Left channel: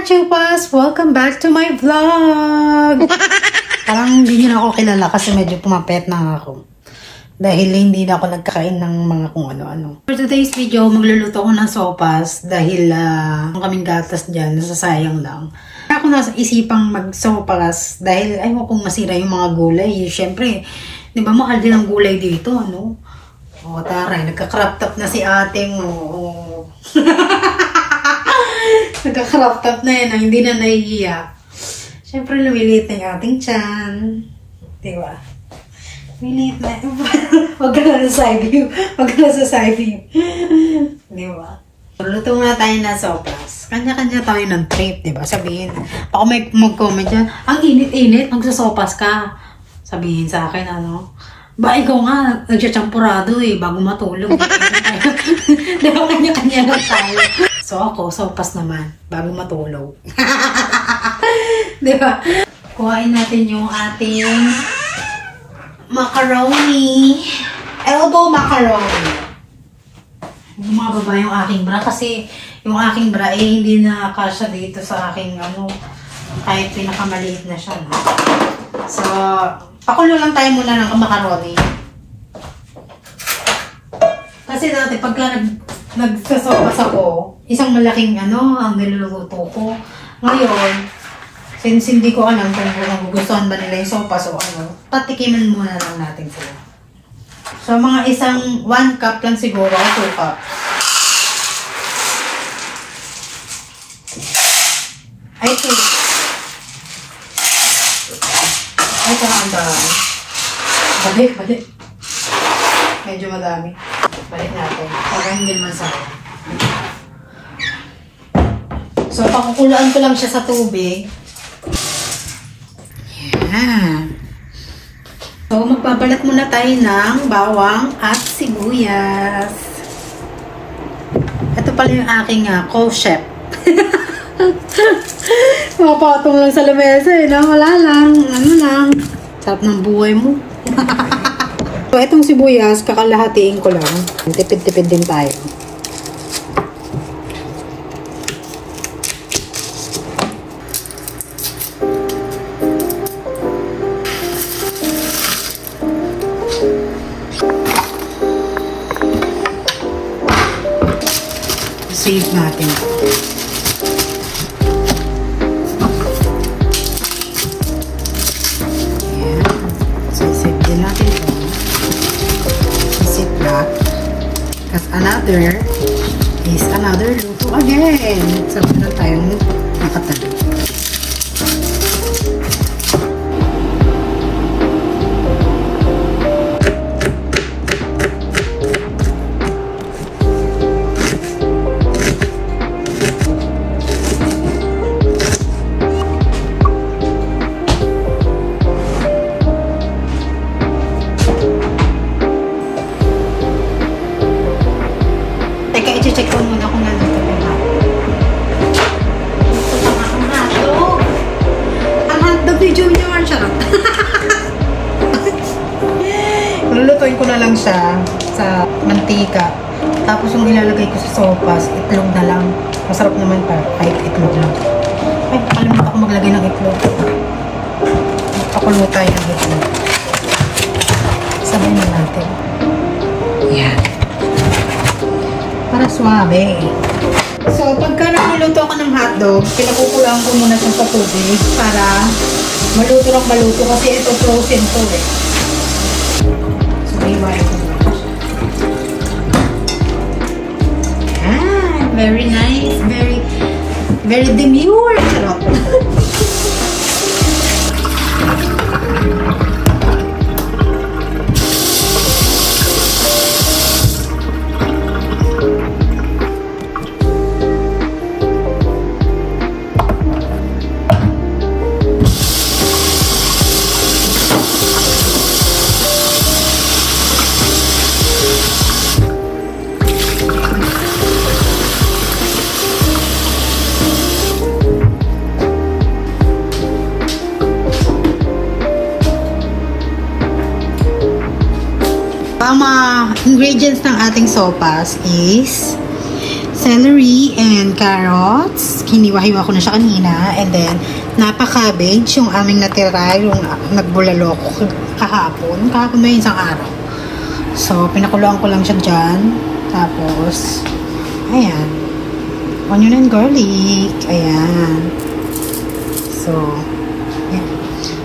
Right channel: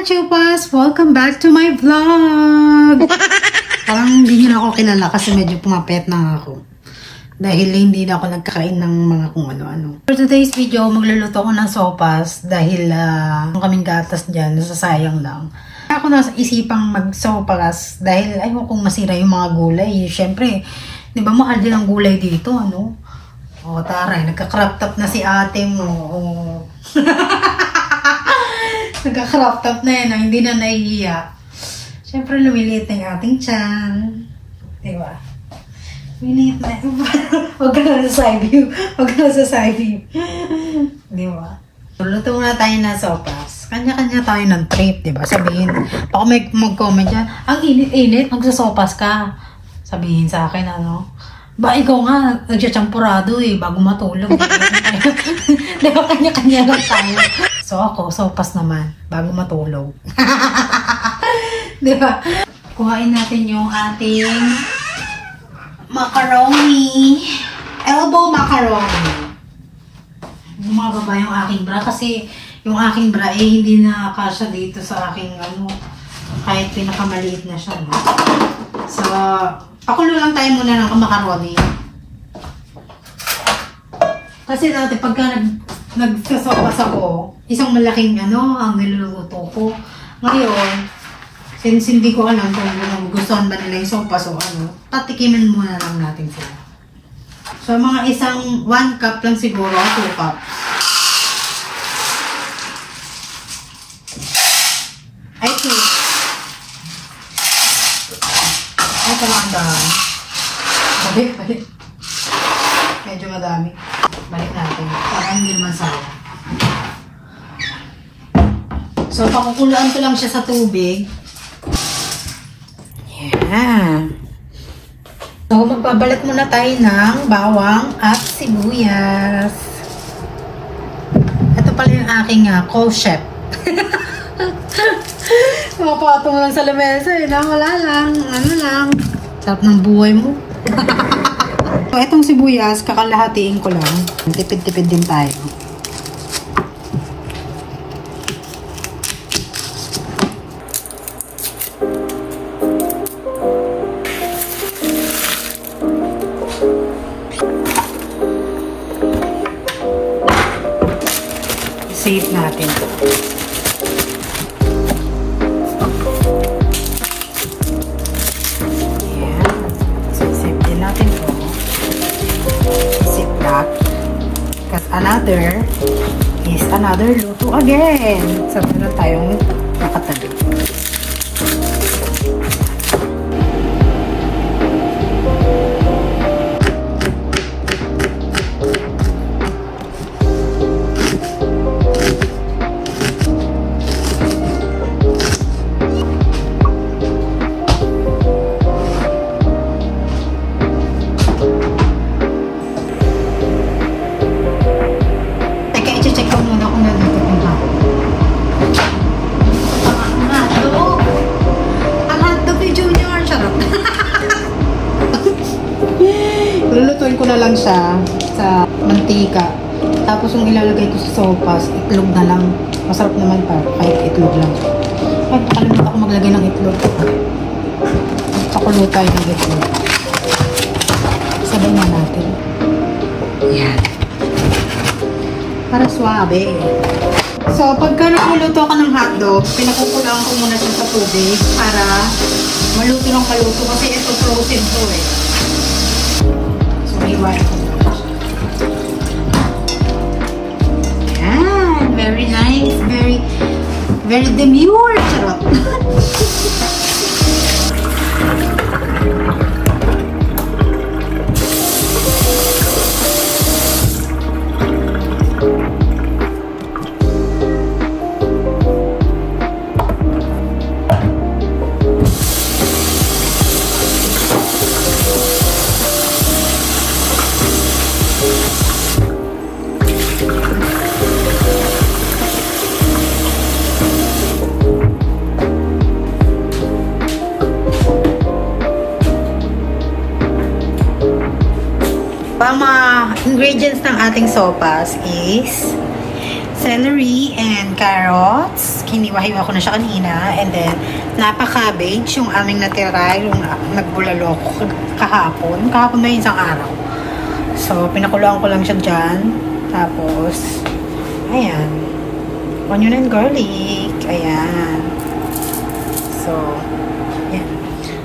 Chupas! Welcome back to my vlog! Parang hindi nyo na ako kilala kasi medyo pumapet na ako. Dahil hindi na ako nagkakain ng mga kung ano-ano. For today's video, magluluto ko ng sopas dahil kaming gatas dyan, nasasayang lang. Ako nasa isipang mag-sopas dahil ayaw kong masira yung mga gulay. Siyempre, di ba mahal din ang gulay dito, ano? O, taray, nagka-crop top na si ate mo. Nagka-crop top na yan, hindi na nahihiya. Siyempre, lumiliit na yung ating tiyan. Diba? Lumiliit na. Huwag ka na sa side view. Huwag ka na sa side view. Diba? Luto muna tayo na sopas. Kanya-kanya tayo ng treat, diba? Sabihin, baka may mag-comment yan, ang init-init, magsasopas ka. Sabihin sa akin, ano? Ba, ikaw nga, nagsichampurado eh, bago matulog. Diba, kanya-kanya lang tayo. So ako, sopas naman, bago matulog. Diba? Kuhain natin yung ating macaroni. Elbow macaroni. Gumagaba yung aking bra kasi yung aking bra eh hindi na kasya dito sa aking ano, kahit pinakamaliit na siya. No? So, pakulo lang tayo muna ng macaroni. Kasi dati pagka nagsasopas ako, isang malaking ano ang niluluto ko. Ngayon, since hindi ko alam kung nagugustuhan ba nila yung sopas o ano, patikimin muna lang natin sila. So, mga isang 1 cup lang siguro, 2 cup. Ay, 2. Ay, ang dami. Balik. Medyo madami. Balik natin. Para hindi naman sayang. So, pakukuluan ko lang siya sa tubig. Yan. So, magbabalat muna tayo ng bawang at sibuyas. Ito pala yung aking co-chef. Mapatong lang sa lamesa eh. No? Wala lang. Ano lang. Sarap ng buhay mo. So, itong sibuyas, kakalahatiin ko lang. Tipid-tipid din tayo. Save natin. Is another luto again. Sabi na tayong nakatabi. Check ko muna kung nandito yung hapon. sa mantika. Tapos yung ilalagay ko sa sopas, itlog na lang. Masarap naman pa, kahit itlog lang. Ay, nakalimutan ako maglagay ng itlog. Pakulo tayo ng itlog. Sabay na natin. Yan. Para suabe. So, pagka nakuluto ka ng hotdog, pinakukulaan ko muna siya sa tubig para maluto ng maluto kasi ito frozen to. So, iwain ko. Very nice. Very demure. Charot. Ang mga ingredients ng ating sopas is celery and carrots. Hiniwa-hiwa ko na siya kanina. And then, napa-cabbage, yung aming natira, yung nagbulalo ko kahapon. Kahapon na yun isang araw. So, pinakuloan ko lang siya dyan. Tapos, ayan. Onion and garlic. Ayan. So, ayan.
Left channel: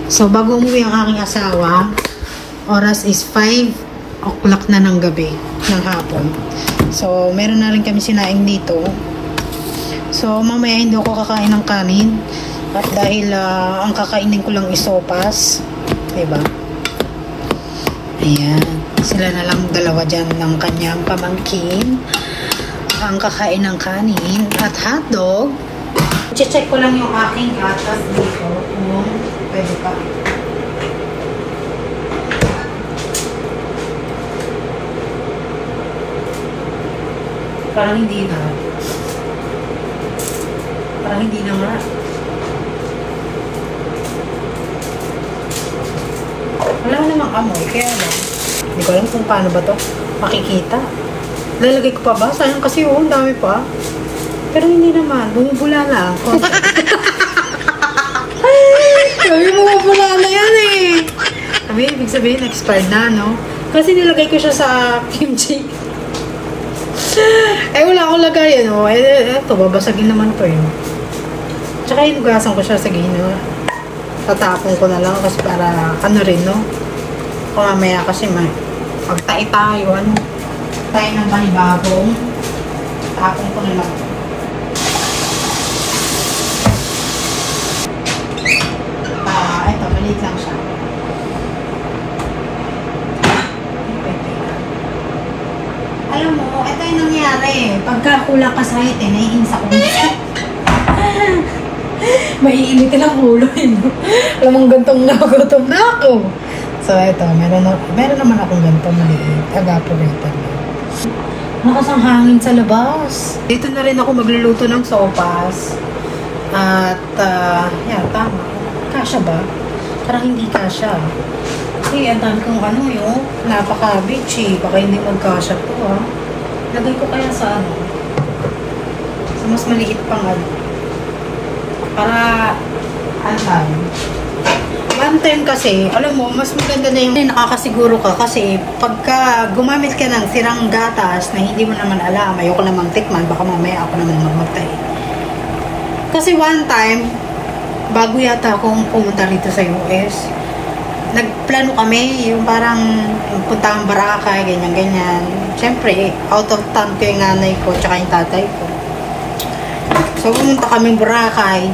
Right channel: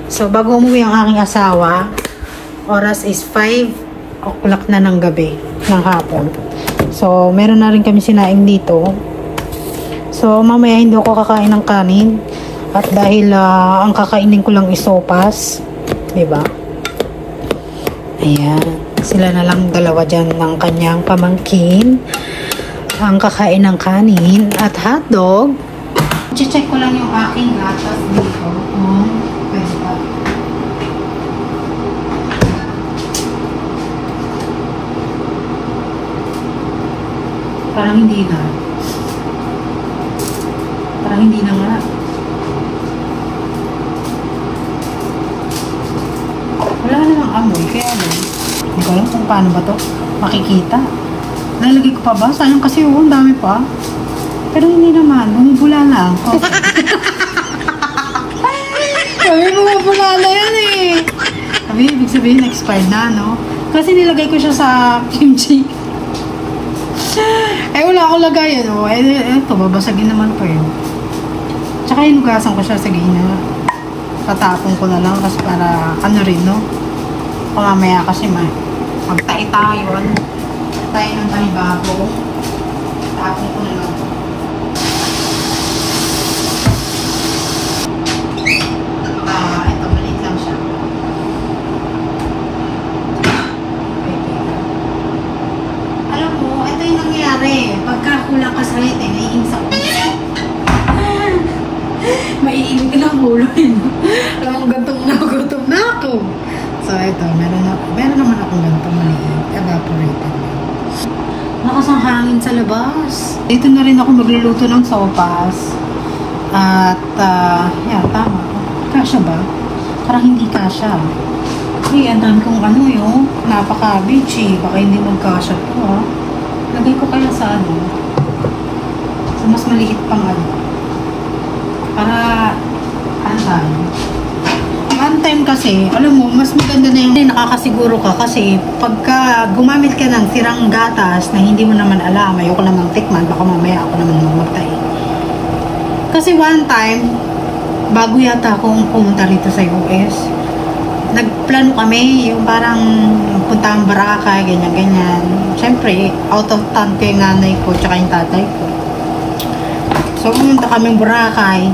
So, bago umuwi ang aking asawa, oras is 5 o'clock na ng gabi, ng hapon. So, meron na rin kami sinaing dito. So, mamaya hindi ako kakain ng kanin. At dahil ang kakainin ko lang isopas. Diba? Ayan. Sila na lang dalawa dyan ng kanyang pamangkin. Ang kakain ng kanin at hotdog. Check ko lang yung aking gatas dito. Kung pwede pa. Parang hindi na. Parang hindi na nga. Wala namang amoy. Kaya lang. Hindi ko alam kung paano ba to makikita. Lalagay ko pa ba? Sayang kasi ang dami pa. Pero hindi naman. Bumubula lang. Sabi bumubula na yun eh. Sabi, ibig sabihin expired na, no? Kasi nilagay ko siya sa kimchi. Eh, wala akong lagay, ano. Eh, ito, babasagin naman to yun. Tsaka hinugasan ko siya, sige na. Tatapon ko na lang kasi para, ano rin, no? O mamaya kasi, magtae tayo, ano? Tayo ng panibagong. Tapon ko na lang. Ito, maliit lang siya. Alam mo, ito yung nangyari. Pagka kulang ka sa height, naiinis ako. Maiinit ka lang ulo, no? Alam mo, gantong nagutom na ako. So, ito, meron naman akong gantong maliit. Evaporated yun. Lakas ang hangin sa labas. Dito na rin ako magluluto ng sopas. At, yan, tama. Kasya ba? Parang hindi kasya. Kasi ang dami kong ano yun, napaka-cabbage eh. Baka hindi magkasya to ha. Lagay ko kaya sa ano, sa mas maliit pang ano. Para, ano tayo. One time kasi, alam mo, mas maganda na yung nakakasiguro ka kasi pagka gumamit ka ng sirang gatas na hindi mo naman alam, ayoko namang tikman, baka mamaya ako naman mamatay. Kasi one time, bago yata akong pumunta rito sa US, nagplano kami, yung parang punta ang Boracay, ganyan-ganyan. Siyempre, out of town ko yung nanay ko, tsaka yung tatay ko. So, pumunta kami Boracay.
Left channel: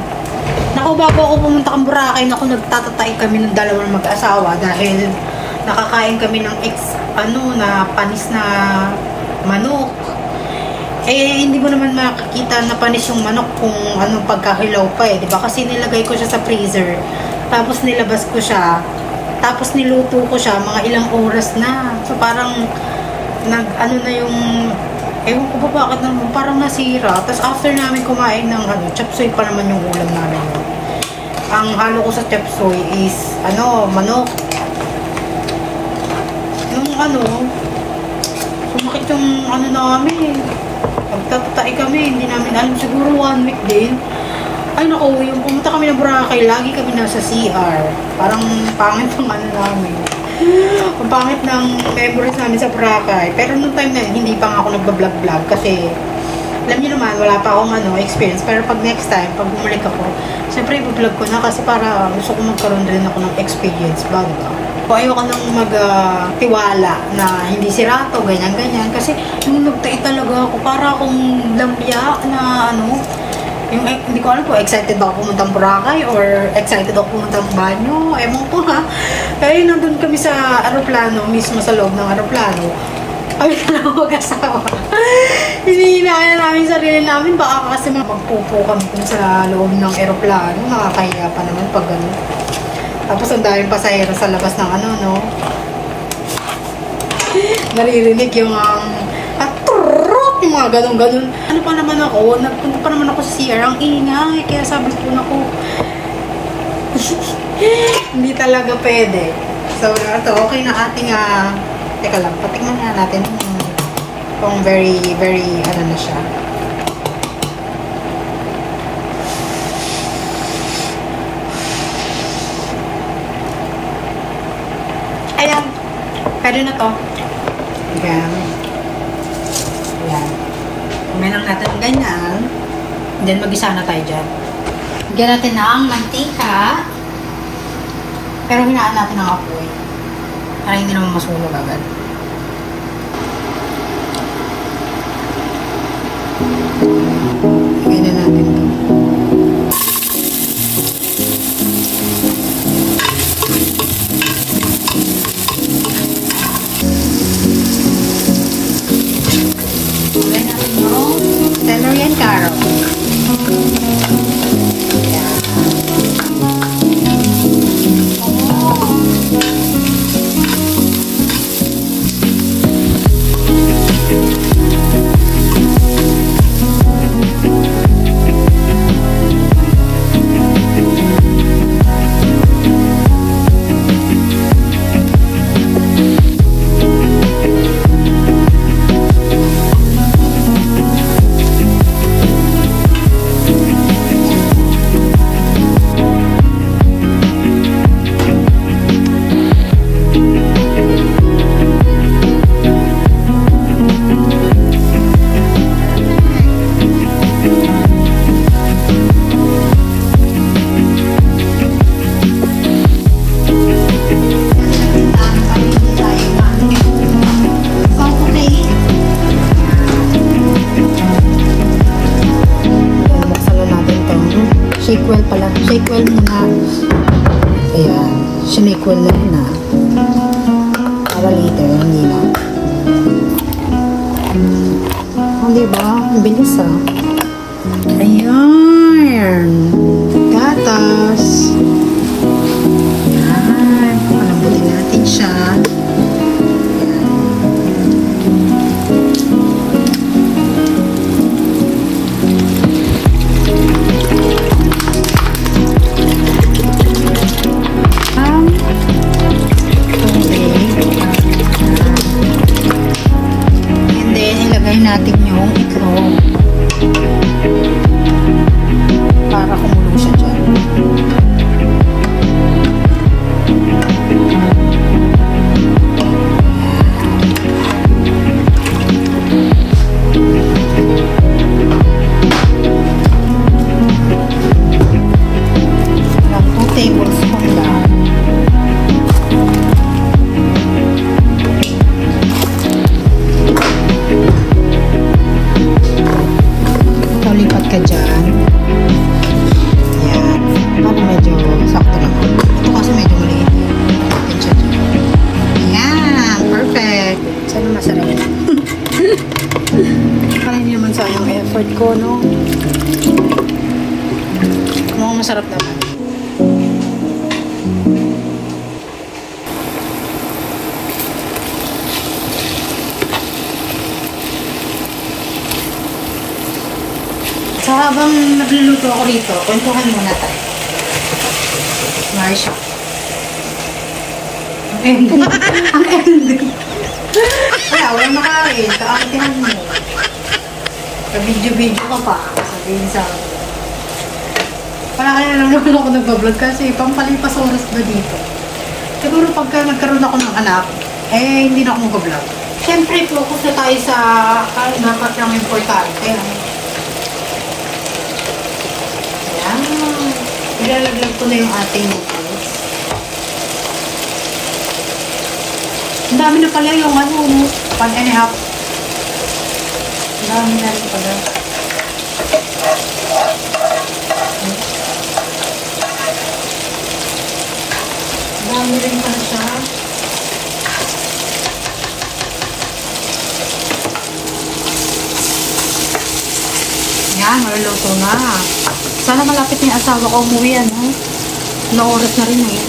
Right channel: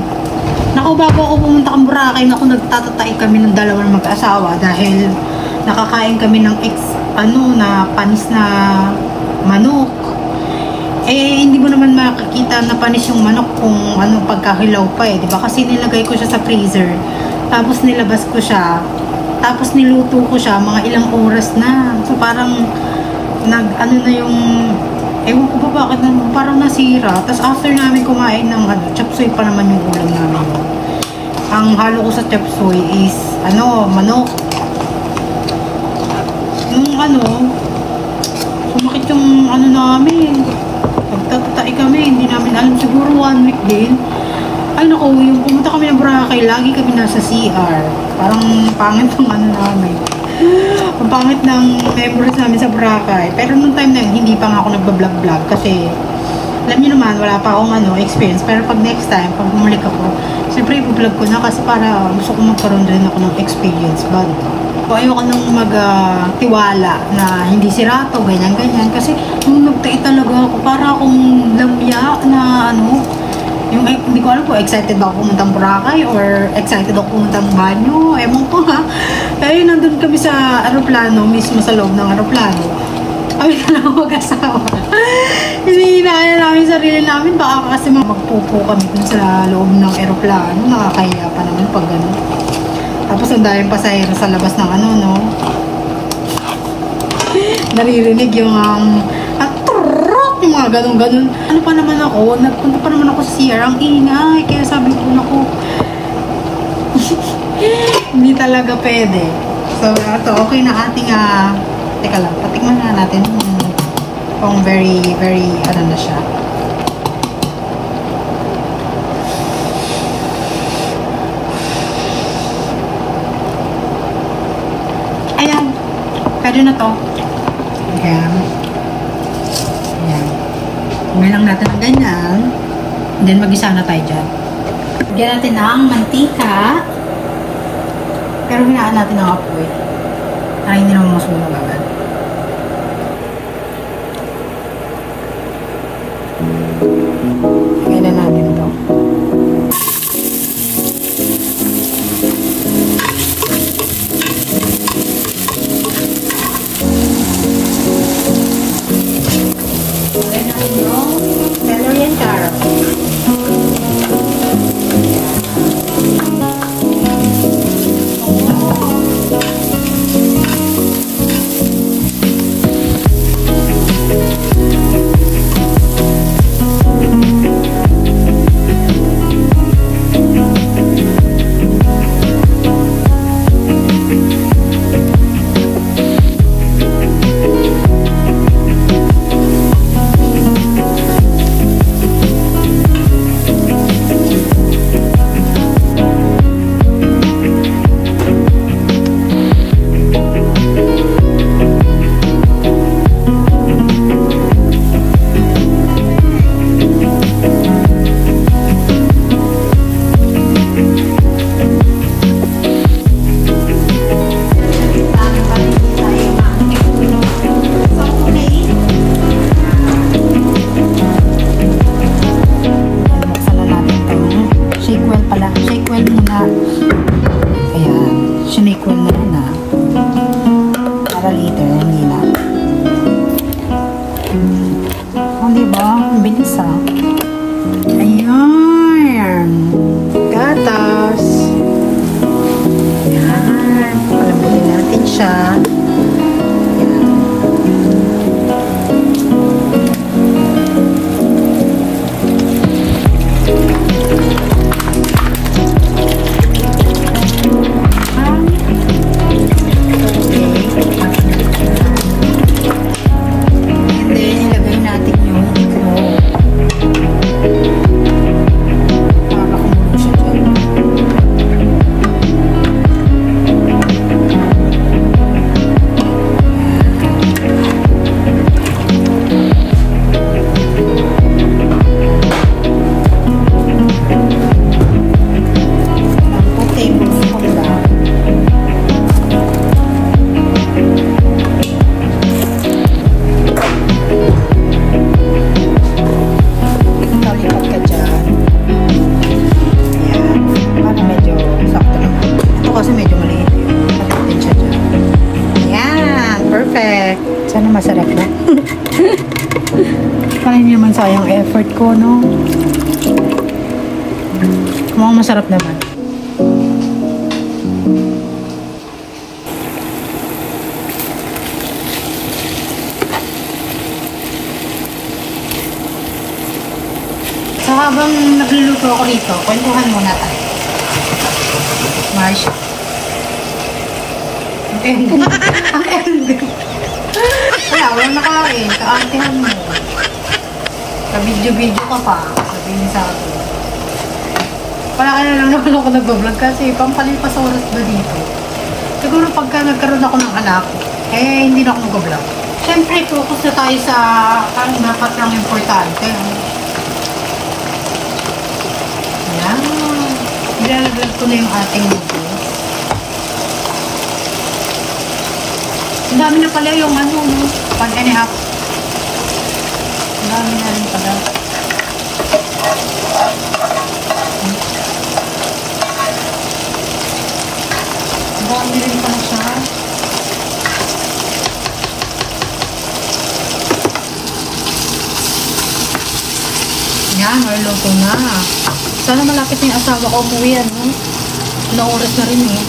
Naku, bago ako pumunta kang Boracay, naku, nagtatatay kami ng dalawa ng mag-asawa dahil nakakain kami ng na panis na manok. Eh, hindi mo naman makikita na panis yung manok kung ano pagkahilaw pa eh, diba? Kasi nilagay ko siya sa freezer, tapos nilabas ko siya, tapos niluto ko siya, mga ilang oras na. So, parang, ano na yung, ewan ko ba bakit naman, parang nasira. Tapos, after namin kumain ng, chop suey pa naman yung ulam namin. Ang halo ko sa chop suey is, manok. Nung Sumakit yung ano namin. Pagtatay kami, hindi namin alam. Siguro 1 week din. Ay naku, yung pumunta kami ng Boracay, lagi kami nasa CR. Parang pangit ng ano namin. Ang pangit ng memories namin sa Boracay. Pero nung time na yun, hindi pa nga ako nagbablog-vlog kasi alam niyo naman, wala pa akong experience. Pero pag next time, pag bumalik ako, siyempre i-vlog ko na kasi para gusto ko magkaroon rin ako ng experience ba, diba? O ayoko nang magtiwala na hindi sirato, ganyan-ganyan. Kasi nung nagtae talaga ako, para akong lampya na yung hindi ko alam kung excited ba ako pumunta ng Boracay or excited ako pumunta ng banyo. Ewan ko ha. Kaya nandun kami sa aeroplano, mismo sa loob ng aeroplano. Kami na lang mag-asawa. Hinihinaya namin sarili namin. Baka kasi magpupo kami dun sa loob ng aeroplano. Nakakahiya pa naman pag gano'n. Tapos ang daming pasahero sa labas ng naririnig yung yung mga ganun-ganun. Ano pa naman ako, nagpunta pa naman ako sa CR, ang ingay. Kaya sabi ko na hindi talaga pwede. So, ito, okay na ating, teka lang, patikman na natin kung very, very, na siya. Ayan, pwede na to. Ayan. Ngayon lang natin ang ganyan. Then, mag-isa na tayo dyan. Lagyan natin ang mantika. Pero hinaan natin ang apoy. Para hindi naman masunog agad. Lagyan na natin ito. Celery and carrot. Sinake-well na yun na. Para later, hindi na. Diba? Ang bilis Ayan. Gatas. Ayan. Palambutin natin siya. Masarap na. So habang nagluluto ako rito, kwentuhan muna tayo. Marsha. Ang ending. Wala, walang nakain. Kaartihan mo. Ka-video-video ka pa. Sabihin sa akin. Kaya lang naman ako nag-vlog kasi pampalipas oras ba dito? Siguro pagka nagkaroon ako ng anak, hindi na ako mag-vlog. Siyempre, focus na tayo sa ang dapat lang importante. Ayan. Ilalagay ko na yung ating noodles. Ang dami na pala yung 1.5. Ang dami na rin pala. Ang dami rin pala siya. Yan, luto na. Sana malapit na yung asawa ko umuwi, ano? Ilang oras na rin eh.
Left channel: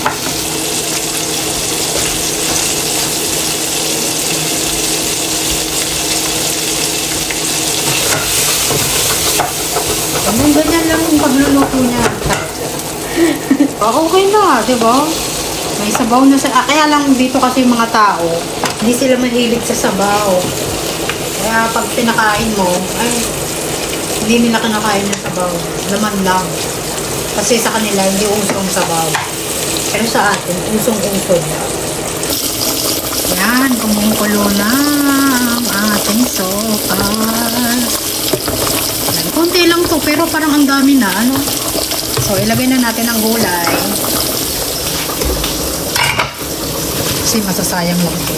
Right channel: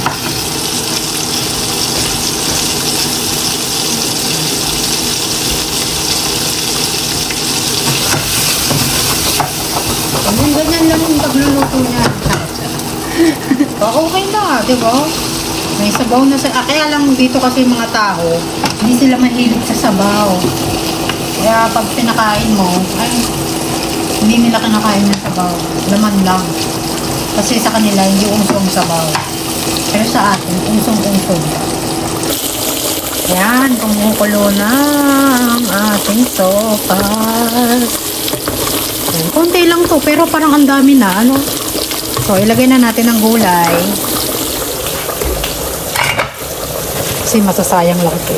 Ganyan lang yung pagluluto niya. Okay na, di ba? May sabaw na sa... kaya lang dito kasi yung mga tao, hindi sila mahilig sa sabaw. Kaya pag pinakain mo, hindi nila kinakain yung sabaw. Laman lang. Kasi sa kanila, hindi usong sabaw. Pero sa atin, usong-usong. Yan, kumukulo na ang ating sopas. Yan, konti lang to, pero parang ang dami na, ano? So, ilagay na natin ang gulay. Kasi masasayang lang ito.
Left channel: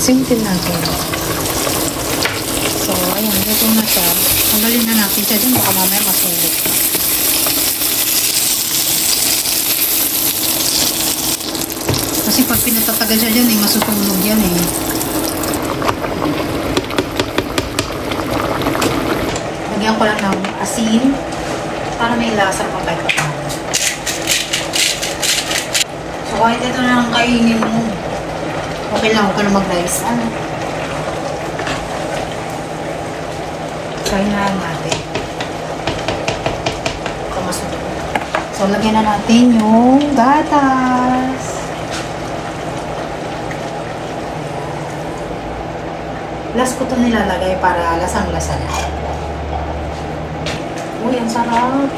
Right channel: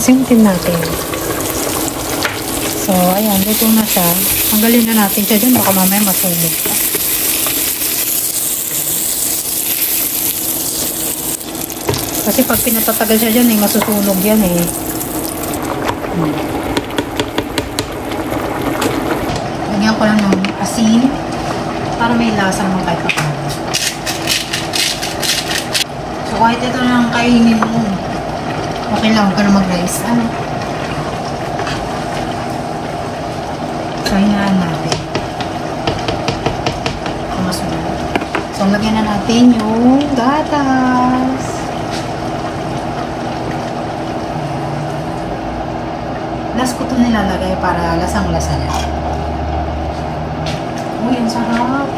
Simple natin. So, ayan, dito na siya. Tanggalin na natin ito din, baka mamaya masunog. Kasi pag pinatatagal siya dyan, masusunog yan eh. Lagyan ko lang ng asin para may lasa naman kahit pa. So, kahit ito na ang kainin ko, okay lang, huwag ka na mag-rice. Ano? Sahinaan natin. Ito masunog. So, lagyan na natin yung gatas. Last ko ito nilalagay para lasang-lasa na. Uy, ang sarap.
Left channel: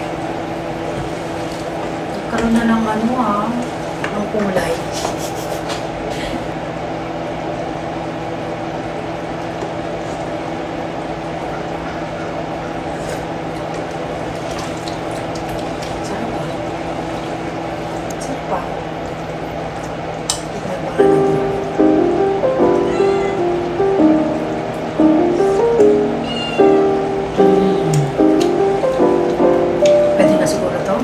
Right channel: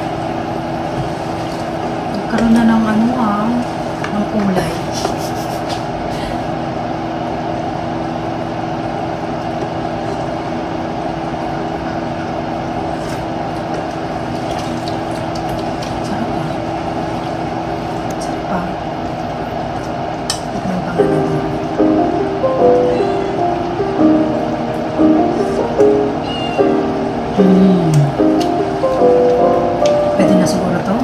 Nagkaroon na ng ng kulay. Sarap pa. Sarap pa. May pangalan. Pwede na siguro to.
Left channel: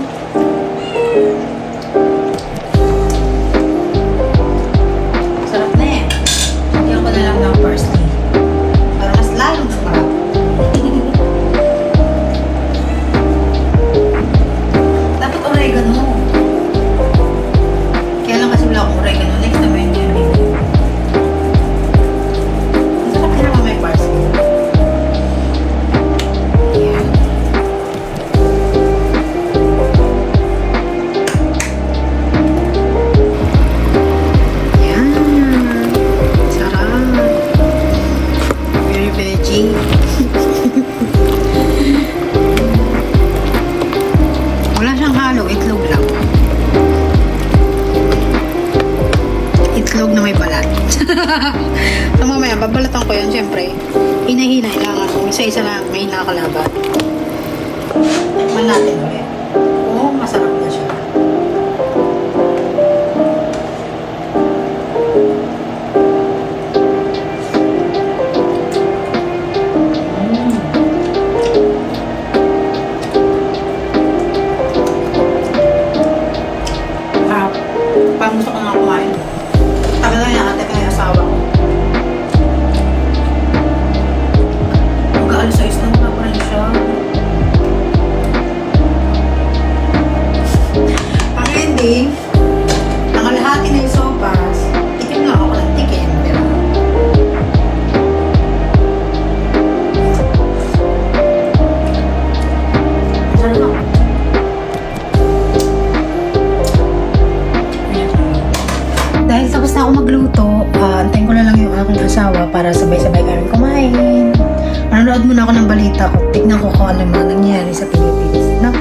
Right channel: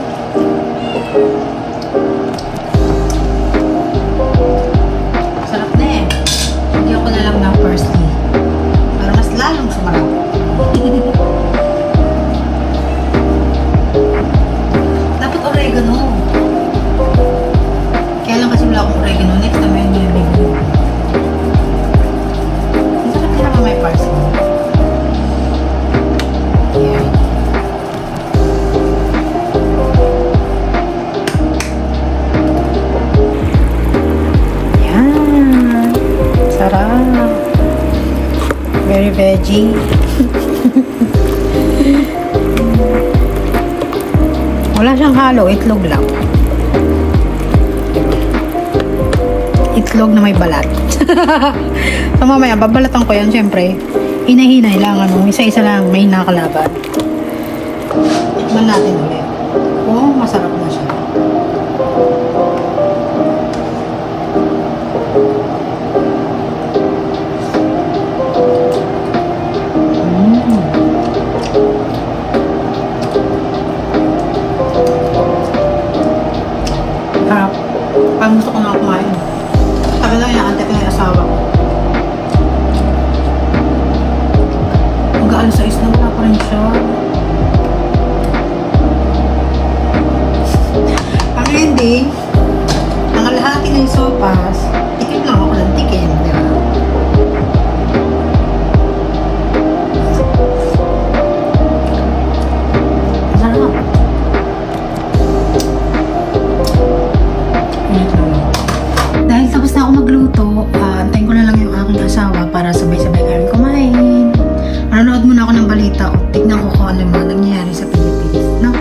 may mga nangyayari sa Philippines, no?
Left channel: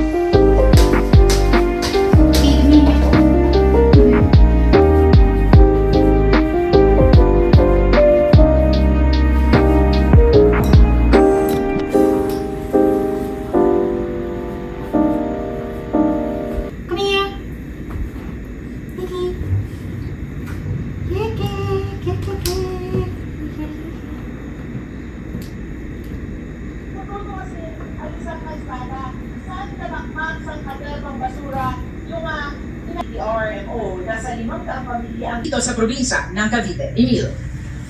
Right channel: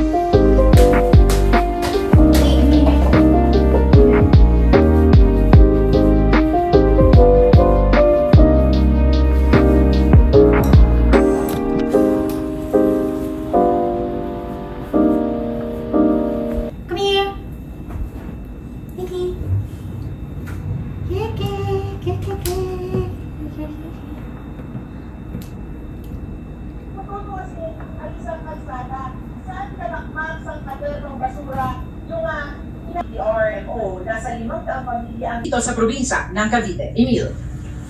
RMO nasa 5 pamilya dito sa probinsya ng Cavite. Emil.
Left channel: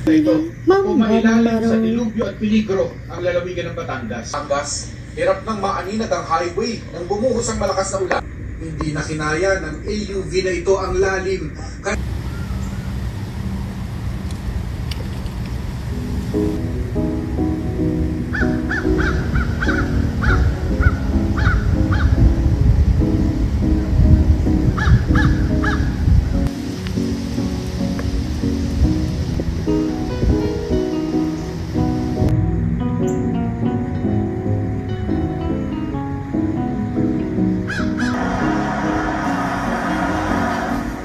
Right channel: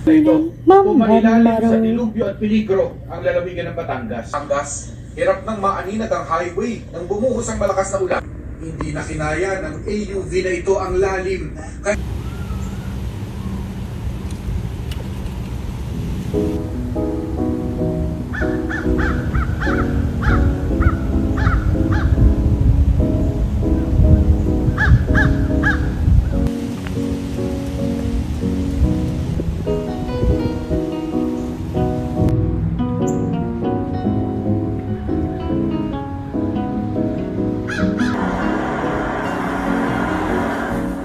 Ito, kumailalim sa dilubyo at peligro ang lalawigan ng Batangas. Batangas, hirap ng maaninag ang highway nang bumuhos ang malakas na ulan. Hindi na kinaya ng AUV na ito ang lalim.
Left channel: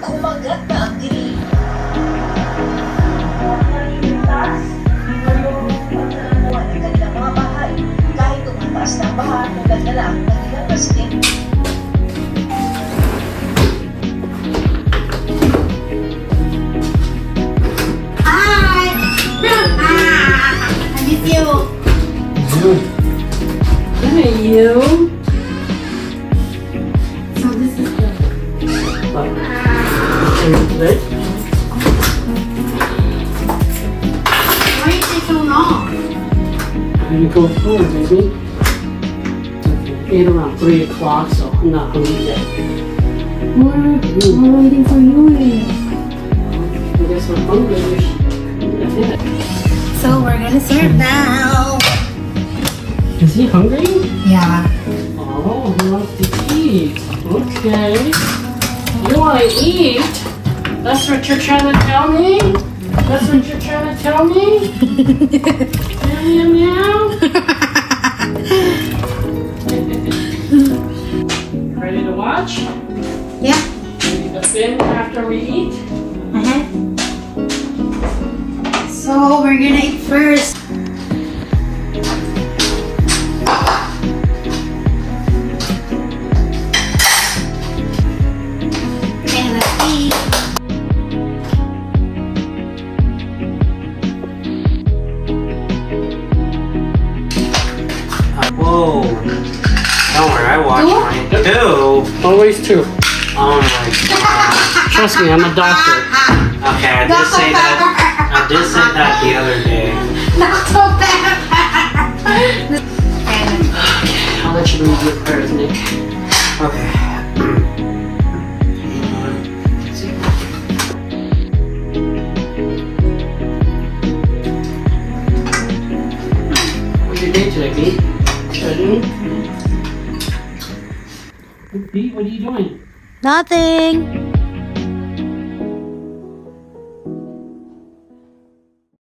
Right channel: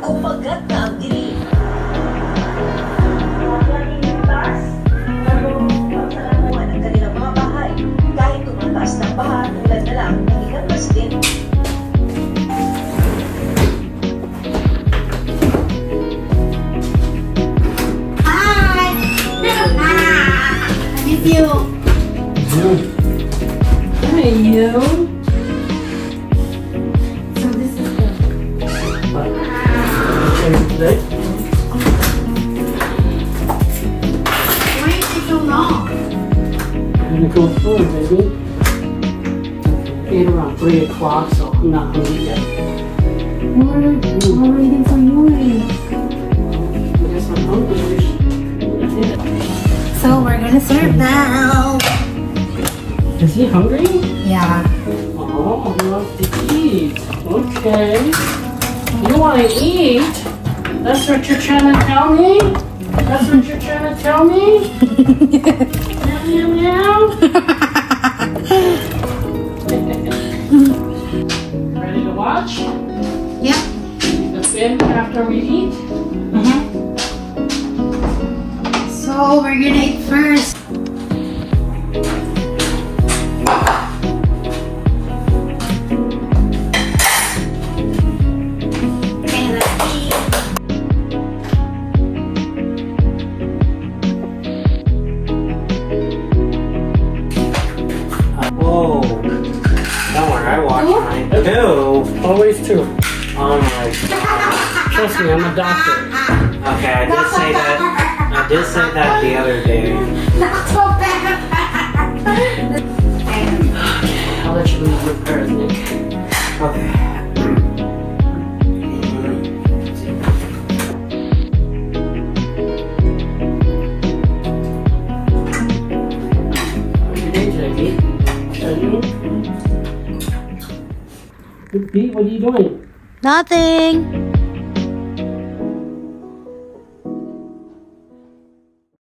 Kumagat na ang dilim. Ang kanilang mga bahay kahit tumatas na baha tulad na lang ng ilang resident. Hi! I miss you. Hey, you. So this is good. Good. Why is it so long? I'm gonna go home, baby. It's around 3 o'clock, so I'm not hungry yet. We're waiting for you. I guess I'm hungry. So we're gonna serve now. Is he hungry? Yeah. Oh, he wants to eat. Okay. You want to eat? That's what you're trying to tell me? That's what you're trying to tell me? Meow, meow, meow. Ready to watch? Yep. The film after we eat? So we're gonna eat first. Okay, let's eat. Whoa. Don't worry, I watched mine too. Always two. Oh my god. Trust me, I'm a doctor. Okay, I did say that. I did say that the other day. Not so bad. I'll let you read your prayers, Nick. Okay. What's your day today, Pete? Studying? Pete, what are you doing? Nothing.